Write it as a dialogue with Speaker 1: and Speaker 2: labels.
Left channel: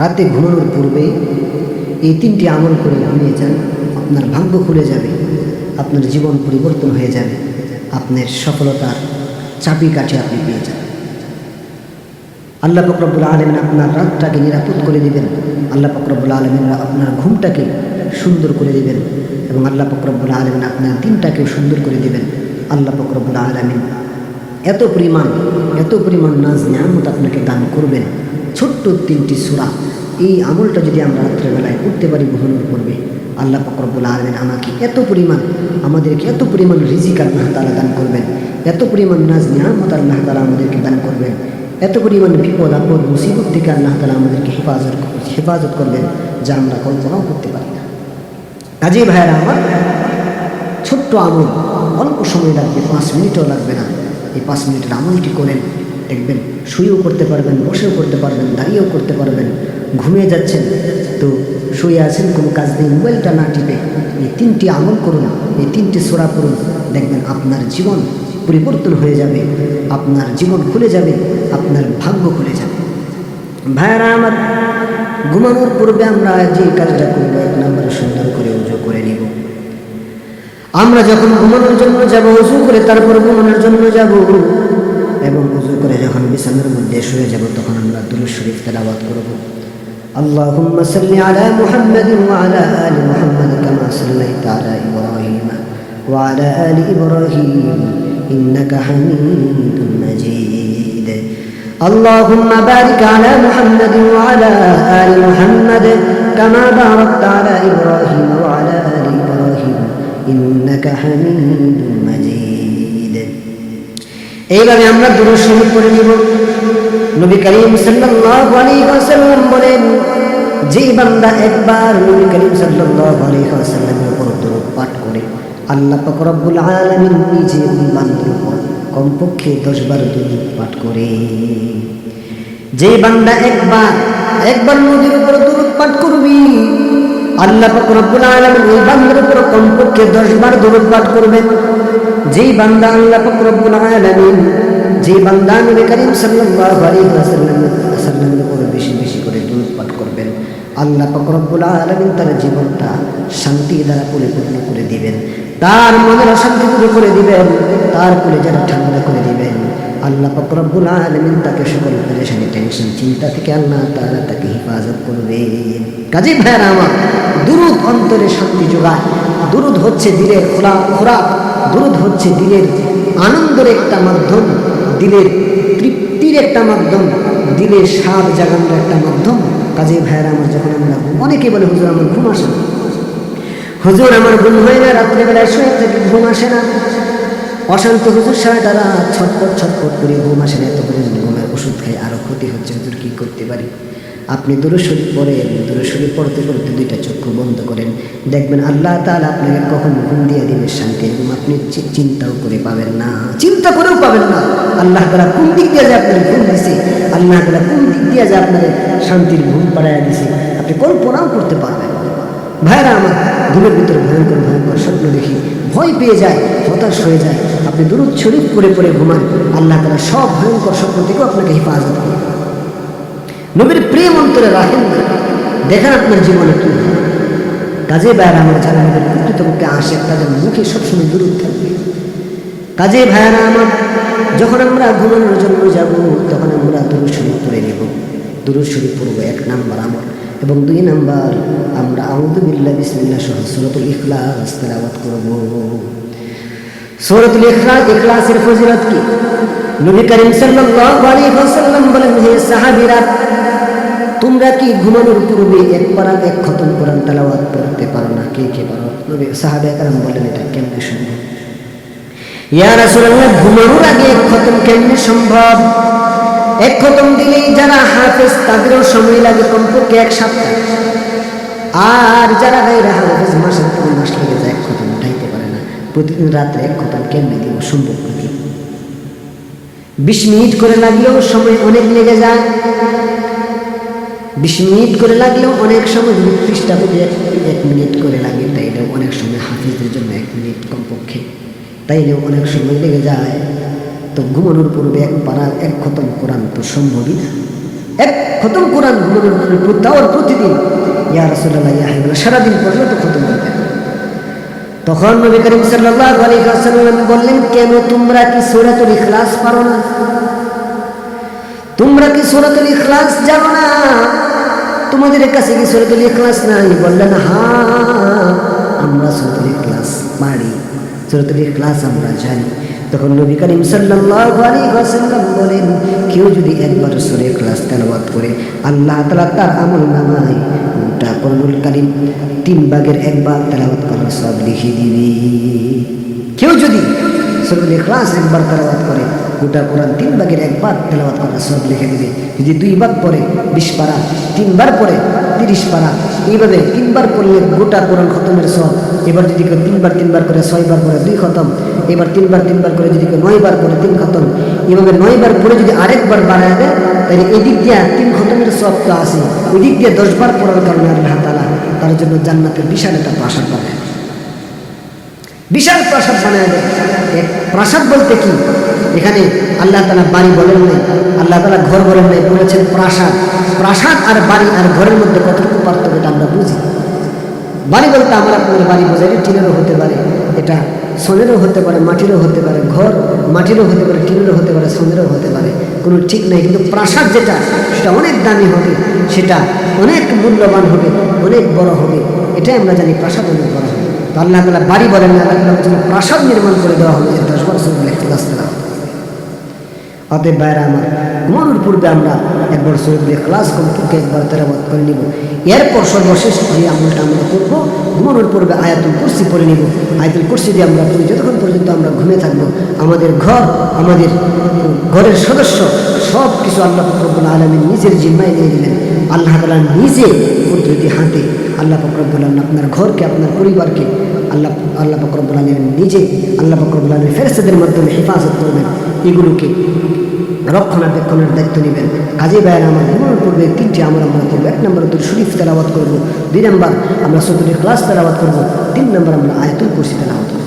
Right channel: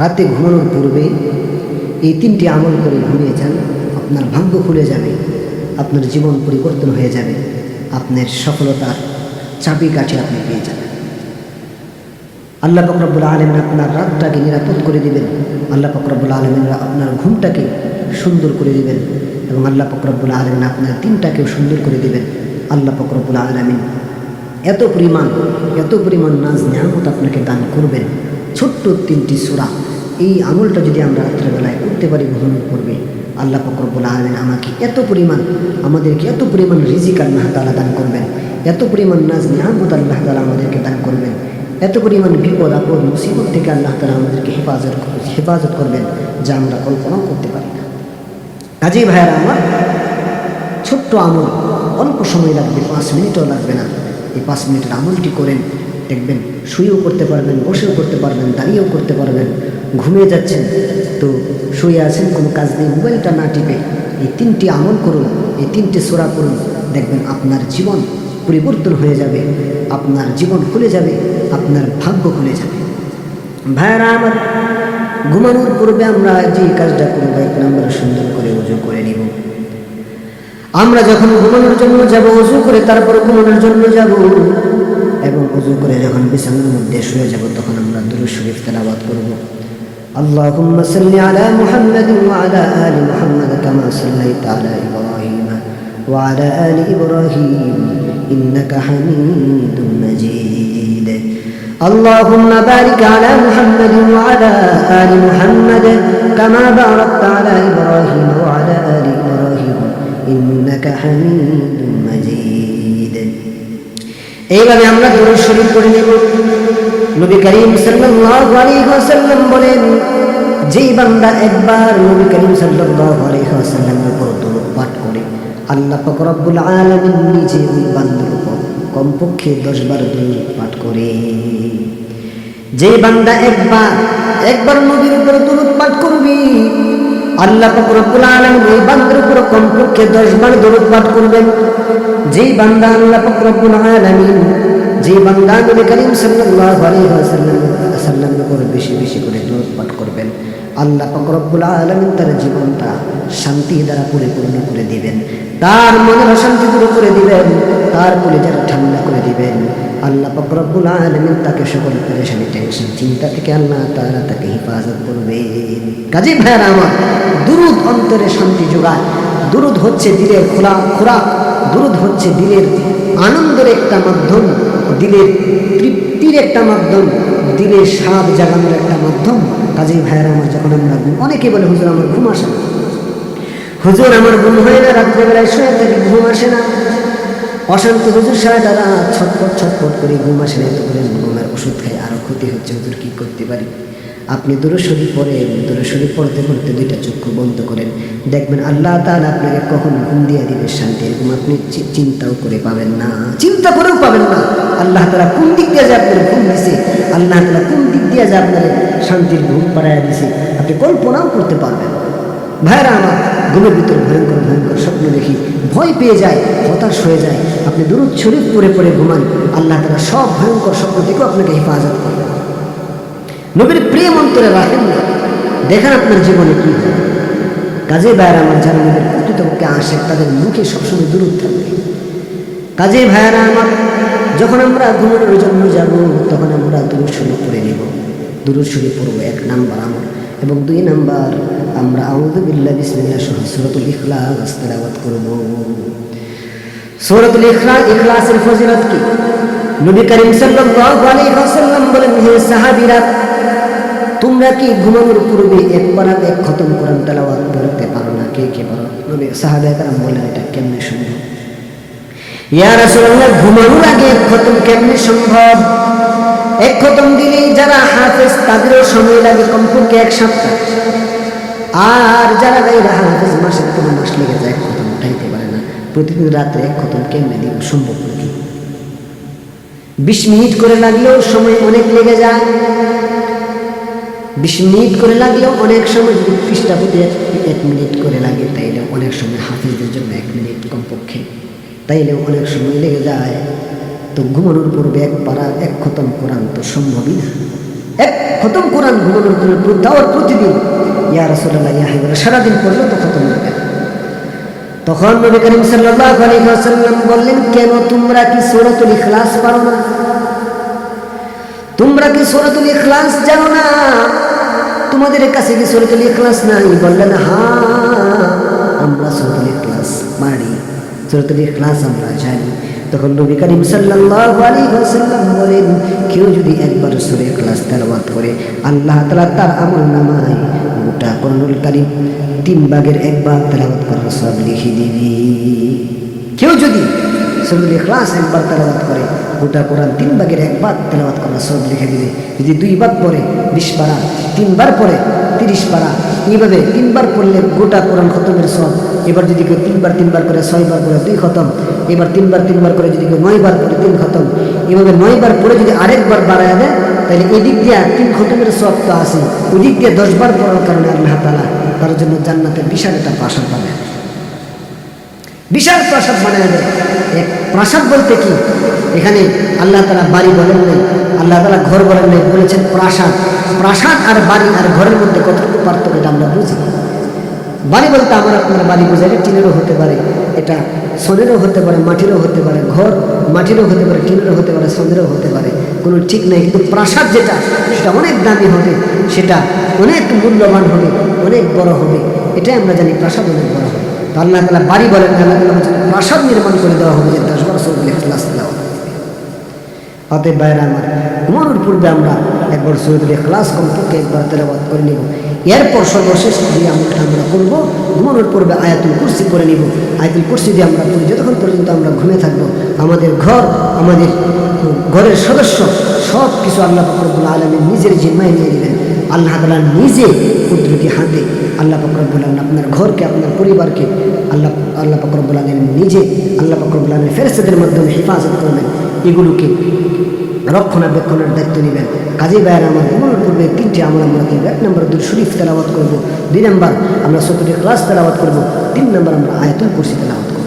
Speaker 1: রাতে ঘুমানোর পূর্বে এই তিনটি আমল করে ঘুমিয়ে যান, আপনার ভাগ্য খুলে যাবে, আপনার জীবন পরিবর্তন হয়ে যাবে, আপনার সফলতার চাবিকাঠি আপনি পেয়ে যাবেন। আল্লাহ ফকরবুল আলমিন আপনার রাতটাকে নিরাপদ করে দিবেন, আল্লাহ ফকরবুল আলমিন আপনার ঘুমটাকে সুন্দর করে দিবেন এবং আল্লাহ ফকরবুল আলমিন আপনার দিনটাকেও সুন্দর করে দিবেন। আল্লাহ ফকরবুল আলমিন এত পরিমাণ এত পরিমাণ নাজ নিয়ামত আপনাকে দান করবেন। ছোট্ট তিনটি সুরা। এই আমলটা যদি আমরা রাত্রেবেলায় করতে পারি ঘুমানোর পূর্বে, আল্লাহ ফকরবুল আলমিন আমাকে এত পরিমাণ, আমাদেরকে এত পরিমাণ রিজিক আল্লাহ তালা দান করবেন, এত পরিমাণ নাজ নিয়ামত আল্লাহ তালা আমাদেরকে দান করবেন, এত পরিমাণ বিপদ, আপদ, মুসিবত থেকে আল্লাহ তালা আমাদেরকে হেফাজত হেফাজত করবেন, যা আমরা কল্পনাও করতে পারি না। কাজী ভাইয়ারা আমার, ছোট্ট আমল, অল্প সময় লাগবে, পাঁচ মিনিটও লাগবে না। এই পাঁচ মিনিটের আমলটি করেন দেখবেন, শুয়েও করতে পারবেন, বসেও করতে পারবেন, দাঁড়িয়েও করতে পারবেন, ঘুমিয়ে যাচ্ছেন। তো শুয়ে আছেন, কোনো কাজ নেই, মোবাইলটা না টিপে এই তিনটি আমল করুন, এই তিনটি সোরা করুন দেখবেন আপনার জীবন পরিবর্তন হয়ে যাবে, আপনার জীবন খুলে যাবে, আপনার ভাগ্য খুলে যাবে। ভাইয়ারা আমার, ঘুমানোর পূর্বে আমরা যে কাজটা করব, এক নম্বরে সুন্দর করে উজু করে নিব। আমরা যখন ঘুমানোর জন্য যাব, উজু করে তারপর ঘুমানোর জন্য যাব এবং উজু করে যখন বিছানার মধ্যে শুয়ে যাব তখন আমরা দুরুদ শরীফ তেলাওয়াত করব اللهم صل على محمد وعلى آل محمد كما صليت على إبراهيم وعلى آل إبراهيم إنك حميد مجيد اللهم بارك على محمد وعلى آل محمد كما باركت على إبراهيم وعلى آل إبراهيم إنك حميد مجيد এইভাবে আমরা দুরুদ শরীফ পড়ে নিব। নবী করিম ওয়াসাল্লাম বলেন, যেই বান্দা একবার নবী করিম সাল্লাল্লাহু উপর দরুদ পাঠ করে, আল্লাহ পাক আলামিন নিজে ওই বান্দার উপর কমপক্ষে দশ বার দরুদ পাঠ করে। যেই বান্দা একবার একবার নবীর উপর দরুদ পাঠ করবি, আল্লাহ পাক আলামিন ওই বান্দার উপর কমপক্ষে দশ বার দরুদ পাঠ করবেন। যেই বান্দা আল্লাহ পাক রব্বুল আলামিন যে বান্দা নবী করিম সাল্লাল্লাহু আলাইহি ওয়াসাল্লাম, সাল্লামের উপর বেশি বেশি করে দূর পাঠ করবেন, আল্লাহ পাক রব্বুল আলামিন তার জীবনটা শান্তি দ্বারা পরিপূর্ণ করে দিবেন, তার মনের অশান্তি দূর করে দিবেন, তার কুলে যারা ঠান্ডা করে দিবেন, আল্লাহ পাক রব্বুল আলামিন তাকে সকল পেরেশানি, টেনশন, চিন্তা থেকে আল্লাহ তারা তাকে হেফাজত করবেন। কাজী ভাইয়ারা আমার, দুরুদ অন্তরে শান্তি যোগায়, দুরুদ হচ্ছে দিলের খোলা, খোরাক দুরুদ হচ্ছে দিলের আনন্দের একটা মাধ্যম, দিলের তৃপ্তির একটা মাধ্যম, দিলের স্বাদ জাগানোর একটা মাধ্যম। কাজে ভাইয়েরা, আমার যখন আমরা ঘুম অনেকে বলে, হুজুর, আমার ঘুম আসে না। হুজুর, আমার ঘুম হয় না, রাত্রেবেলায় শুয়ে থাকি, ঘুম আসে না। অশান্তি হুজুর, সারাটা রাত ছটপট ছটপট করে ঘুম আসে না। এত পরিমাণ ঘুমের ওষুধ খাই আরও ক্ষতি হচ্ছে। হুজুর, কি করতে পারি? আপনি দূরস্বরী পড়েন দূরস্বরী পড়তে পড়তে দুইটা চক্ষু বন্ধ করেন। দেখবেন আল্লাহ তাহলে আপনাকে কখন ঘুম দিয়ে দিবে শান্তি, এরকম আপনি চিন্তাও করে পাবেন না। চিন্তা করেও পাবেন না। আল্লাহ তালা কোন দিক দিয়ে যে আপনার ঘুম দিছে, আল্লাহ তালা কোন দিক দিয়ে যে আপনার শান্তির ঘুম পাড়াইয়া দিছে, আপনি কল্পনাও করতে পারবেন। ভাইরা আমার, ঘুমের ভিতরে ভয়ঙ্কর ভয়ঙ্কর স্বপ্ন দেখি, ভয় পেয়ে যায়, হতাশ হয়ে যায়। আপনি দুরুদ শরীফ পরে পরে ঘুমান, আল্লাহ তালা সব ভয়ঙ্কর স্বপ্ন থেকেও আপনাকে হেফাজত করবে। নবীর প্রেম অন্তরে রাখেন না। দেখেন আপনার জীবনে কি হয় কাজে ভাইয়ারা, আমার যারা নবীর প্রকৃতপক্ষে আসে তাদের মুখে সবসময় দূরত থাকবে। কাজে ভাইয়ারা, আমার যখন আমরা ঘুমানোর জন্য যাব তখন আমরা দুরুদ শরীফ পড়ে নিব। দুরুদ শরীফ পড়ব এক নাম্বার আমল এবং দুই নাম্বার আমরা আউদু বিল্লাহ বিসমিল্লাহ সহ সুরতুল ইখলাস তেলাওয়াত করব। সূরাতুল ইখলা, ইখলাসের ফজিলত কি? নবী করিম সাল্লাল্লাহু আলাইহি ওয়াসাল্লাম বলেন, হে সাহাবীরা তোমরা কি ঘুমানোর পূর্বে এক পারা এক খতম কোরআন তেলাওয়াত পড়তে পারো না? কে কে পারো? নবী, সাহাবে কারাম বললেন, এটা কেমনে সম্ভব? ইয়া রাসূলুল্লাহ, ঘুমানোর আগে এক খতম কেমনে সম্ভব? এক খতম দিলে যারা হাফেজ, তাদেরও সময় লাগে কমপক্ষে এক সপ্তাহ। আর যারা গাইরে হাফেজ, মাসের পর মাস লেগে যায়, এক খতম উঠাইতে পারে না। প্রতিদিন রাত্রে এক খতম কেমনে দিব, সম্ভব নাকি? বিশ মিনিট করে লাগলেও সময় অনেক লেগে যায়। বিশ মিনিট করে লাগলেও অনেক সময় যদি পৃষ্ঠা প্রতি এক মিনিট করে লাগে, তাইলেও অনেক সময় হাফিজদের জন্য এক মিনিট কমপক্ষে। তাইলেও অনেক সময় লেগে যায়। তো ঘুমানোর পূর্বে এক পারা, এক খতম কোরআন তো সম্ভবই না। এক খতম কোরআন ঘুমানোর পরে প্র- তাও প্রতিদিন। ইয়া রাসুল্লাহ ইয়া হাবিবাল্লাহ, সারাদিন পড়লে তো খতম হবে না। তখন নবী করিম সাল্লাল্লাহু আলাইহি ওয়াসাল্লাম বললেন, কেন তোমরা কি সূরাতুল ইখলাস পারো না? তোমরা কি সূরাতুল ইখলাস জানো না? তোমাদের কাছে কি সূরাতুল ইখলাস নাই? বললেন হা, আমরা সূরাতুল ইখলাস পারি সূরাতুল ইখলাস আমরা জানি। তখন নবী করিম সাল্লাল্লাহু আলাইহি ওয়াসাল্লাম বলেন, কেউ যদি একবার সূরা ইখলাস তেলাওয়াত করে, আল্লাহ তাআলা তার আমল নামায় গোটা কোরআনুল কারীম তিন ভাগের এক ভাগ তেলাওয়াত করার সব লিখে দিবি। কেউ যদি সূরাতুল ইখলাস একবার তেলাওয়াত করে, গোটা কোরআন তিন ভাগের এক ভাগ তেলাওয়াত করার সব লিখে দিবে। যদি দুই ভাগ পরে বিশ পারা, তিনবার পরে তিরিশ পারা, এইভাবে তিনবার পড়লে গোটা কোরআন খতমের সব। এবার যদি কেউ তিনবার তিনবার করে ছয়বার পরে দুই খতম। এবার তিনবার তিনবার করে যদি কেউ নয়বার পরে তিন খতম। এভাবে নয়বার পরে যদি আরেকবার বাড়ায় দেয়, তাহলে এদিক দিয়া তিন খতমের সব তো আসে ওই দিক দিয়ে দশবার পড়ার কারণে আল্লাহ তালা তার জন্য জান্নাতে বিশাল একটা প্রাসাদ বানায় বিশাল প্রাসাদ বানায় দেয়। এক প্রাসাদ বলতে কি? এখানে আল্লাহ তালা বাড়ি বলেন নাই, আল্লাহ তালা ঘর বলেন নাই, বলেছেন প্রাসাদ। প্রাসাদ আর বাড়ি আর ঘরের মধ্যে কতটুকু পার্থক্য এটা আমরা বুঝি। বাড়ি বলতে আমার আপনার বাড়ি বোঝায় এটা টিনেরও হতে পারে, এটা সনেরও হতে পারে, মাটিরও হতে পারে, ঘর মাটিরও হতে পারে, টিনেরও হতে পারে, সনেরও হতে পারে, কোনো ঠিক নাই। কিন্তু প্রাসাদ যেটা, সেটা অনেক দামি হবে, সেটা অনেক মূল্যবান হবে, অনেক বড় হবে, এটাই আমরা জানি প্রাসাদ অনেক বড় হবে। তো আল্লাহ তালা বাড়ি বলেন আল্লাহ তালা বলছেন প্রাসাদ নির্মাণ করে দেওয়া হবে যে দশবার সৌদুল ইখলাস তেলাওয়াত অতএব বাইরা আমার, ঘুমানোর পূর্বে আমরা একবার সৈয়দুল ইখলাস কমপক্ষে একবার তেলাবাত করে নিব। এরপর সর্বশেষ যে আমলটা আমরা করব, ঘুমানোর পূর্বে আয়াতুল কুরসি পরে নিব। আয়াতুল কুরসি দিয়ে আমরা পড়ি যতক্ষণ পর্যন্ত আমরা ঘুমে থাকব, আমাদের ঘর, আমাদের ঘরের সদস্য সব কিছু আল্লাহ ফকরবুল আলমীর নিজের জিম্মায় নিয়ে দিলেন আল্লাহ তালা নিজে উদ্ধৃতি হাতে আল্লাহ পাকরবুল আলম আপনার ঘরকে, আপনার পরিবারকে আল্লাহ আল্লাহ পাকরবুল আলম নিজে, আল্লাহ পাকরবুল আলমীর ফেরেস্তাদের মাধ্যমে হেফাজত করবেন। এগুলোকে রক্ষণাবেক্ষণের দায়িত্ব নেবেন। কাজে ভাইয়ের আমার ঘুমানোর পূর্বে তিনটি আমল আমরা করব। এক নম্বর দুই শরীফ তেলাওয়াত করব। দুই নম্বর আমরা সতুরি ক্লাস তেলাওয়াত করব। তিন নম্বর আমরা আয়তুল কুরসি তেলাওয়াত করব।